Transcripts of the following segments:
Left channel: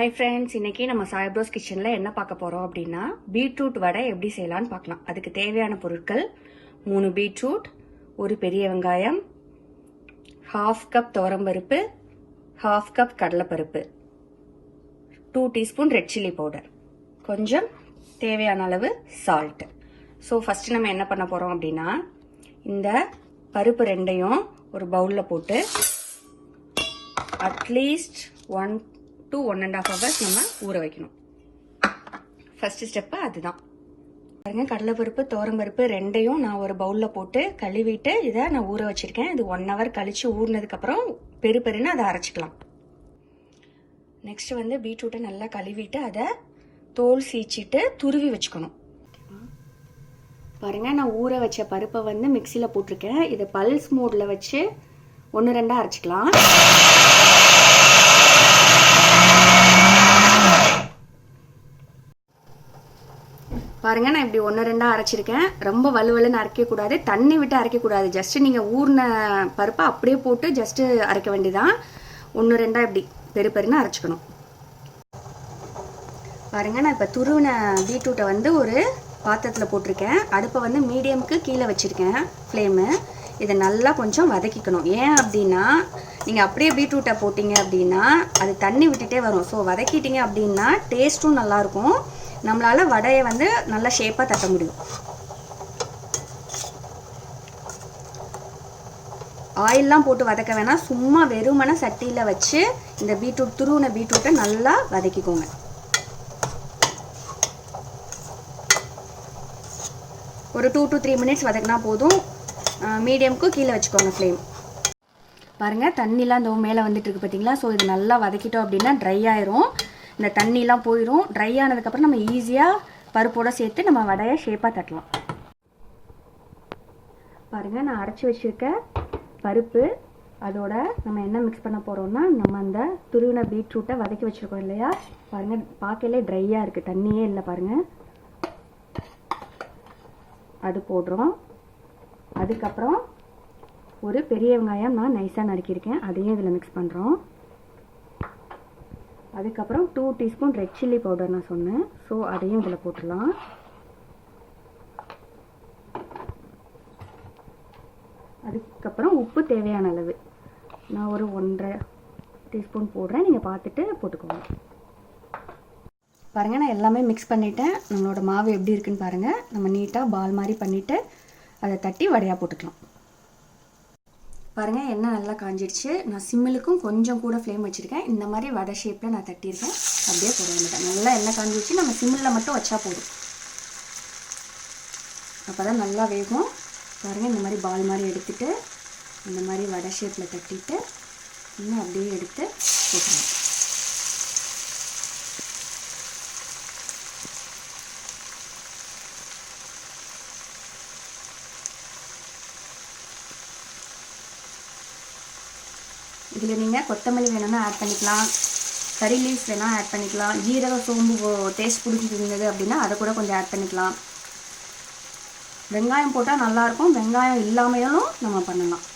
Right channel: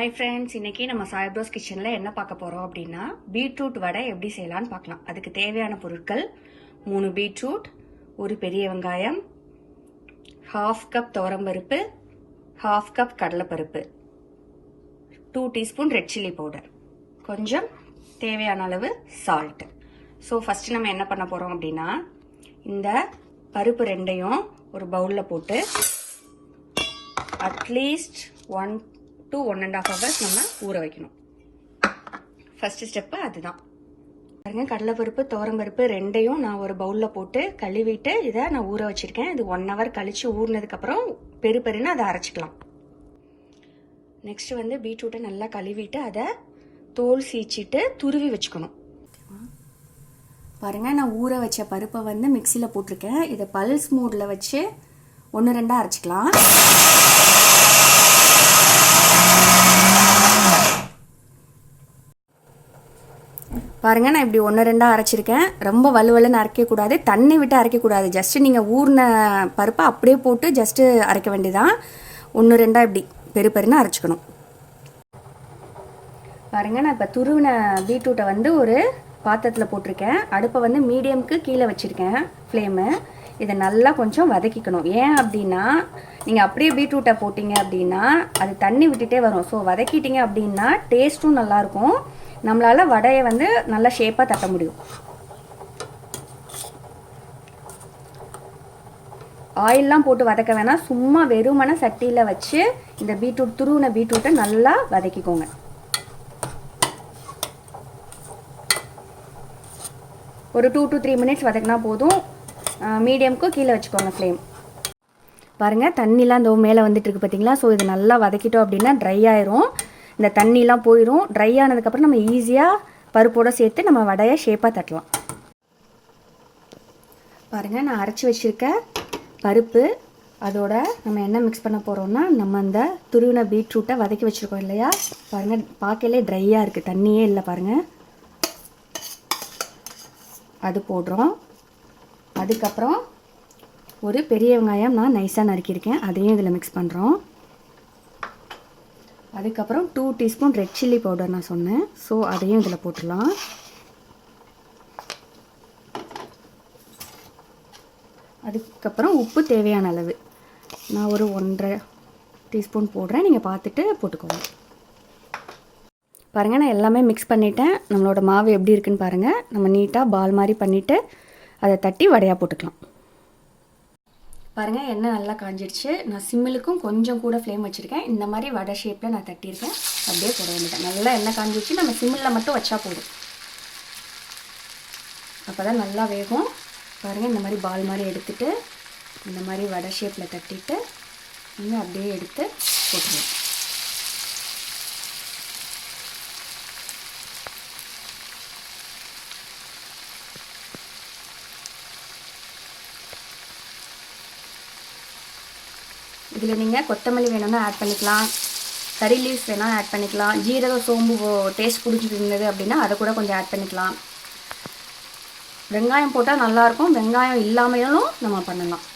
Hi friends, இன்னைக்கு நம்ம சாய்ப்ரோஸ் கிச்சனில் என்ன பார்க்க போகிறோம் அப்படின்னா பீட்ரூட் வடை எப்படி செய்யலான்னு பார்க்கலாம். அதுக்கு தேவையான பொருட்கள் 3 பீட்ரூட், ஒரு பெரிய வெங்காயம், 1/2 கப் துவரம்பருப்பு, 1/2 கப் கடலைப்பருப்பு, 2 டீஸ்பூன் ரெட் சில்லி பவுடர், கொஞ்சம் தேவையான அளவு சால்ட். ஸோ ஃபஸ்ட்டு நம்ம என்ன பண்ண போகிறோம் அப்படின்னா இந்த பருப்பு ரெண்டையும் ஒரு பவுலில் போட்டு அட்லீஸ்ட் 1 to 1.5 hours நம்ம ஊற வைக்கணும். ஃபர்ஸ்ட் ஸ்டெப்பு அதுதான். பாருங்க, கடலைப்பருப்பு துவரம்பருப்பு ரெண்டையும் நான் ஒரு பவுலில் போட்டு கழுவிட்டு இதை நான் ஊற வச்சிருக்கேன். இது 1 hour கழிச்சு ஊறினதுக்கப்புறம் பெருன்னு அதை அரைச்சிக்கலாம். நெக்ஸ்ட் பீட்ரூட்டை நல்லா கழுவிட்டு அதை தோல் சீச்சிட்டு துருவி வச்சுக்கணும். பாருங்க, நான் ஊற வச்ச பருப்பை மிக்சியில் போட்டிருக்கேன். இதை பல்ஸ் மோடில் வச்சு 1-2 அரைச்சிக்கலாம். பாருங்க, நான் இப்படி 1-2 அரைச்சிருக்கேன். ரொம்ப வலுவலுன்னு அரைக்கக்கூடாது, தண்ணி விட்டு அரைக்கக்கூடாது. ஜஸ்ட் நீங்கள் ஊறின பருப்பை அப்படியே போட்டு ஜஸ்ட்டு அரைக்க வேண்டியதான். 1-2 இப்படி பெருன்னு அரைச்சிக்கணும். பாருங்க, நான் இப்போ துருவின பீட்ரூட்டை ஒரு பாத்திரத்தில் போட்டிருக்கேன். அடுப்பை மீடியமுக்கு கீழே வச்சுருக்கேன் ஃப்ளேமு. இதை நல்லா கொஞ்சம் வதக்கிக்கணும். ஏன் அப்படின்னா நீங்கள் அப்படியே பீட்ரூட்டை போட்டிங்க அப்படின்னா அது தண்ணி விட்டுட்டே வரும். ஸோ வதக்கிட்டீங்க அப்படின்னா டேஸ்ட்டும் நல்லாயிருக்கும், நம்மளால் வடையை நல்லா ஷேப்பாக தட்ட முடியும். ஆயிலெலாம் போட்டு வதக்க வேணாம், சும்மா வெறுமன சட்டியில் வச்சு இந்த பீட்ரூட் துருவின பீட்ரூட்டை நல்லா வதக்கிக்கோங்க. ஒரு 2 to 3 minutes வதக்கினா போதும். மீடியமுக்கு கீழே வச்சுக்கோங்க ஃப்ளேம். பாருங்கள், தண்ணிலாம் இந்த மேலே வந்துட்டு இருக்கு பார்த்தீங்களா? ஸோ இது நல்லா வதக்கிட்டோம் அப்படின்னா ட்ரை ஆயிரும். இந்த தண்ணிலாம் போயிடும். ட்ரை ஆனதுக்கப்புறம் நம்ம ஈஸியாக பருப்போடு சேர்த்து நம்ம வடையை ஷேப்பாக தட்டலாம். பாருங்கள், நான் அரைச்சி வச்சுருக்க பருப்பு அதோட நம்ம என்ன மிக்ஸ் பண்ண போகிறோம்னா நம்ம அந்த துருவின பீட்ரூட்டை வதக்கி வச்சுருக்கோம் இல்லையா? பாருங்கள், பார்க்கலே ட்ரையாக இருக்குது, தண்ணியே இல்லை. பாருங்கள், அது போடுறோம். அதுக்கப்புறம் ஒரு பெரிய வெங்காயம் நான் நைஸாக நறுக்கியிருக்கேன், அதையும் இதில் மிக்ஸ் பண்ணுறோம். அதுக்கப்புறம் 2 டீஸ்பூன் ரெட் சில்லி பவுடர் நான் சொன்னேன், ஸோ அதையும் இதில் போட்டுடலாம். அதுக்கப்புறம் உப்பு தேவையான அளவு நான் ஒரு 1.5 டீஸ்பூன் போடுறேன், நீங்கள் பார்த்துட்டு போட்டுக்கோங்க. பாருங்கள், நான் எல்லாமே மிக்ஸ் பண்ணிவிட்டேன். நம்மளோட மாவு எப்படி இருக்குன்னு பாருங்கள். நம்ம நீட்டாக பால் மாதிரி பண்ணிவிட்டு அதை தட்டி வடையாக போட்டுக்கலாம். பாருங்கள், எண்ணெய் நல்லா காஞ்சிடுச்சு. நான் சிம்மிலுக்கும் கொஞ்சம் கூட ஃப்ளேம் வச்சுருக்கேன். இந்த மாதிரி வடை ஷேப்பில் நான் தட்டியிருக்கேன். அப்படியே போட வேண்டியதான். நல்லா எண்ணெய் காஞ்சிடுச்சு. நம்ம சிம்மில் மட்டும் வச்சா போதும், அப்போ தான் நல்லா வேகும். பாருங்கள், இந்த மாதிரி பால் மாதிரி எடுத்துகிட்டு இந்த மாதிரி வடை ஷேப்பில் தட்டிட்டு இன்னும் அப்படியே எடுத்து போட்டுருவோம். இதில் நீங்கள் கொத்தமல்லி வேணும்னா ஆட் பண்ணிக்கலாம், கறி லீவ்ஸ் வேணால் ஆட் பண்ணிக்கலாம், ஜீரகம் சோம்பு டேஸ்ட் பிடிச்சிருந்தது அப்படின்னா அதை கூட கொஞ்சம் ஆட் பண்ணிக்கலாம். வெங்காயம் போட்டால் நல்லாயிருக்கும், வெங்காயம் இல்லாமையும் நம்ம பண்ணலாம்.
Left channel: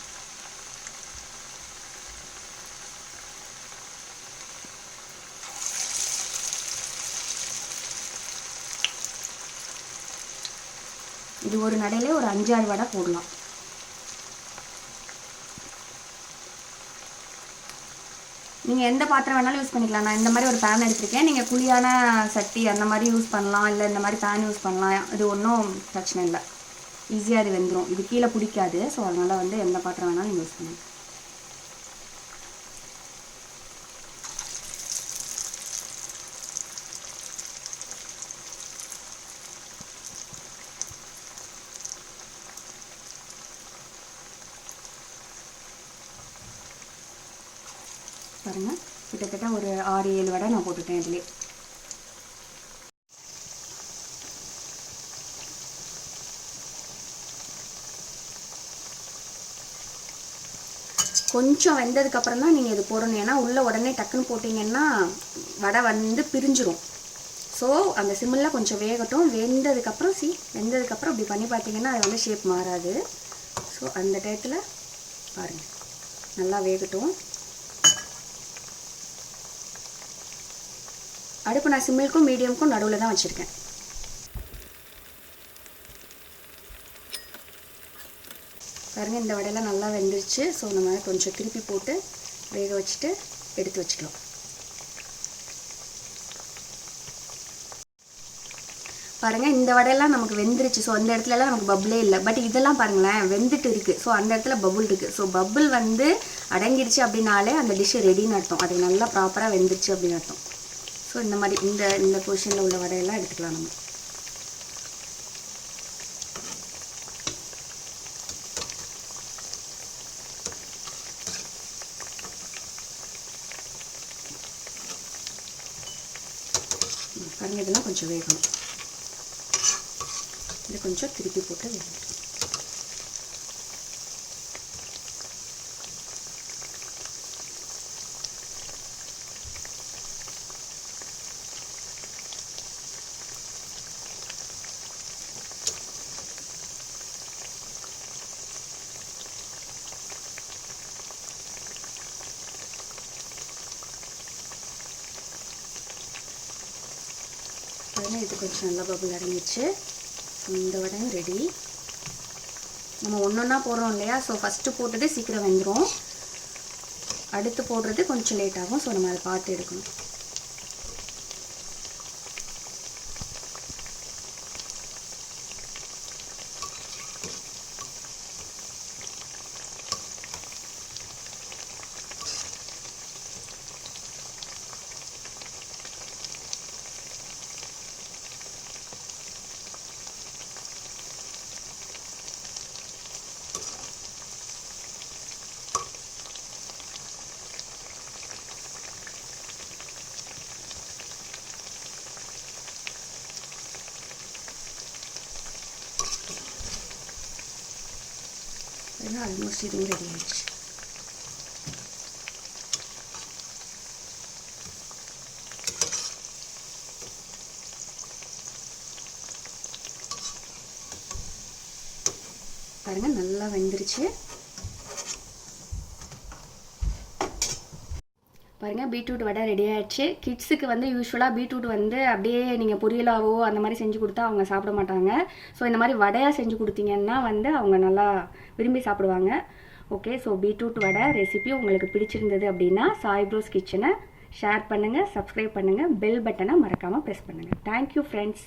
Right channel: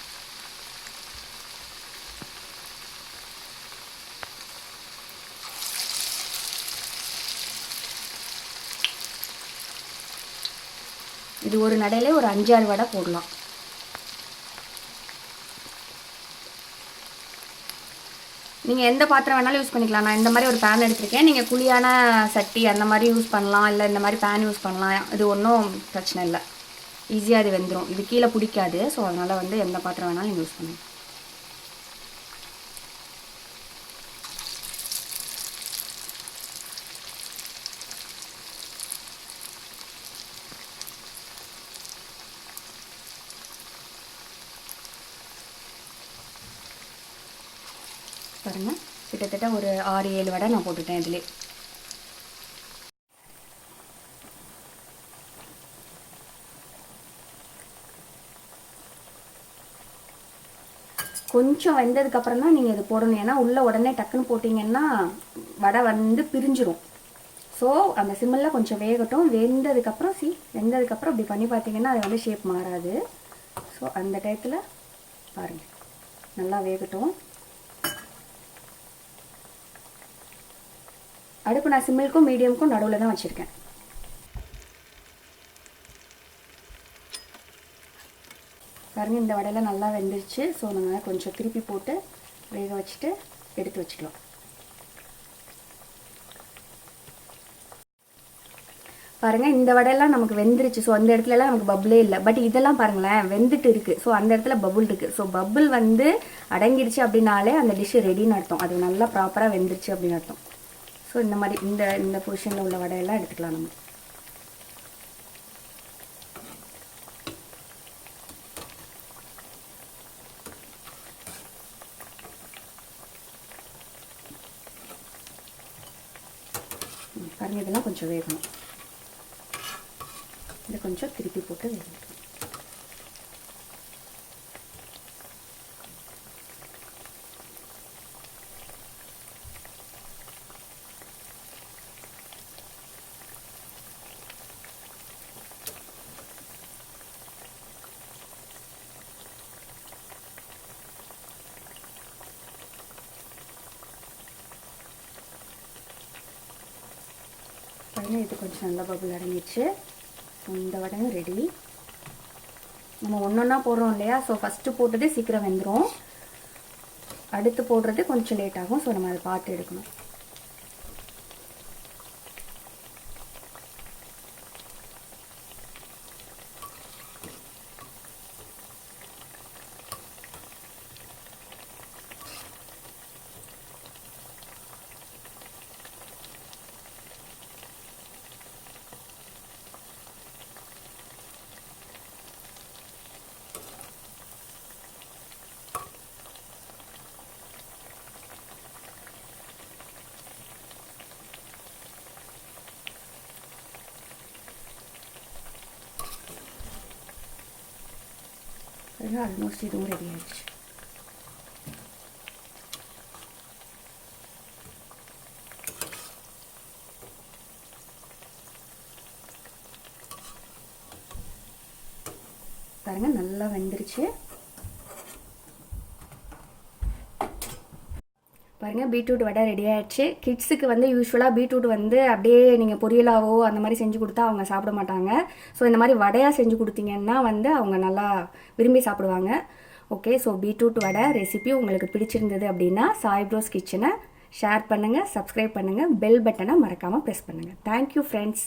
இது ஒரு நடையிலே ஒரு 5-6 வடை போடலாம். நீங்கள் எந்த பாத்திரம் வேணாலும் யூஸ் பண்ணிக்கலாம். நான் இந்த மாதிரி ஒரு பேன் எடுத்திருக்கேன். நீங்கள் குழியான சட்டி அந்த மாதிரி யூஸ் பண்ணலாம், இல்லை இந்த மாதிரி பேன் யூஸ் பண்ணலாம். இது ஒன்றும் பிரச்சனை இல்லை, ஈஸியாக அது வெந்துடும். இது கீழே பிடிக்காது. ஸோ அதனால் எந்த பாத்திரம் வேணாலும் நீங்கள் யூஸ் பண்ணலாம். பாருங்கள், கிட்டத்தட்ட ஒரு 6-7 வடை நான் போட்டுட்டேன் இதிலே. கொஞ்சம் வெந்ததுக்கப்புறம் தான் நீங்கள் இது போடணும். ஏன்னா உள்ளே உடனே டக்குன்னு போட்டிங்கன்னா வடை பிரிஞ்சிடும். ஸோ அந்த சிம்மில் கொஞ்சம் வேகட்டும். வெந்ததுக்கப்புறம் இப்படி பண்ணி பார்த்தீங்கன்னா அது ஷேப் மாறாது. ஸோ அந்த டயத்தில் பாருங்கள், நல்லா வேகட்டும். அடுப்பு நான் சிம்மிலுக்கும் மீடியமுக்கும் நடுவில் தான் வச்சுருக்கேன். பாருங்கள், இந்த வடையெல்லாம் நல்லா வெந்துருச்சு. ஸோ நம்ம கொஞ்சம் திருப்பி போட்டு வேக வச்சுட்டு எடுத்து வச்சுக்கலாம். பாருங்கள், இந்த வடையெல்லாம் நமக்கு வெந்துருச்சு. ஸோ அந்த இடத்துலலாம் நமக்கு பபுளே இல்லை. பட் இதெல்லாம் பாருங்களேன் வெந்துட்டு இருக்குது. ஸோ அந்த இடத்துல பபுள் இருக்குது. ஸோ பபுள் வந்து அடங்கிருச்சு அப்படின்னாலே அந்த டிஷ்ஷு ரெடின்னு அர்த்தம். அது நல்லா ப்ராப்பராக வெந்துருச்சு அப்படின்னு அர்த்தம். ஸோ இந்த மாதிரி இந்த பொசிஷனில் உள்ள வடையெல்லாம் எடுத்துக்கலாம் நம்ம. பாருங்கள், இதெல்லாம் கொஞ்சம் வேகணும். இதை கொஞ்சம் திருப்பி போட்டு வேகணும். இது கொஞ்சம் நல்லா பபுள் அடங்கிடுச்சு. இந்த வடையும் ரெடி. நம்ம ஒன்றா போடுறோம் இல்லையா? ஸோ ஃபஸ்ட்டு போட்டது சீக்கிரம் வெந்துடும், அடுத்து போடுறது கொஞ்சம் லேட் ஆகும். ஸோ நம்ம அதை பார்த்து எடுக்கணும். ஆல்மோஸ்ட் இதுவும் ரெடி ஆயிடுச்சு. பாருங்க, நல்லா வெந்துருச்சு. பாருங்கள், பீட்ரூட் வடை ரெடி ஆகிடுச்சு. கிட்ஸுக்கு வந்து யூஸ்வலாக பீட்ரூட் வந்து அப்படியே நீங்கள் பொரியலாவோ அந்த மாதிரி செஞ்சு கொடுத்தா அவங்க சாப்பிட மாட்டாங்க. ஸோ இந்த மாதிரி வடையாக செஞ்சு கொடுத்தீங்கன்னா வந்து அவங்க நல்லா விரும்பி சாப்பிடுவாங்க. ஓகே, ஸோ பீட்ரூட் வடை ரெசிபி உங்களுக்கு பிடிச்சிருந்தது அப்படின்னா சாய் ப்ரோஸ் கிச்சனை ஷேர் பண்ணுங்கள், சப்ஸ்கிரைப் பண்ணுங்கள், பெல் பட்டனை மறக்காமல் ப்ரெஸ் பண்ணுங்கள். Thank you friends.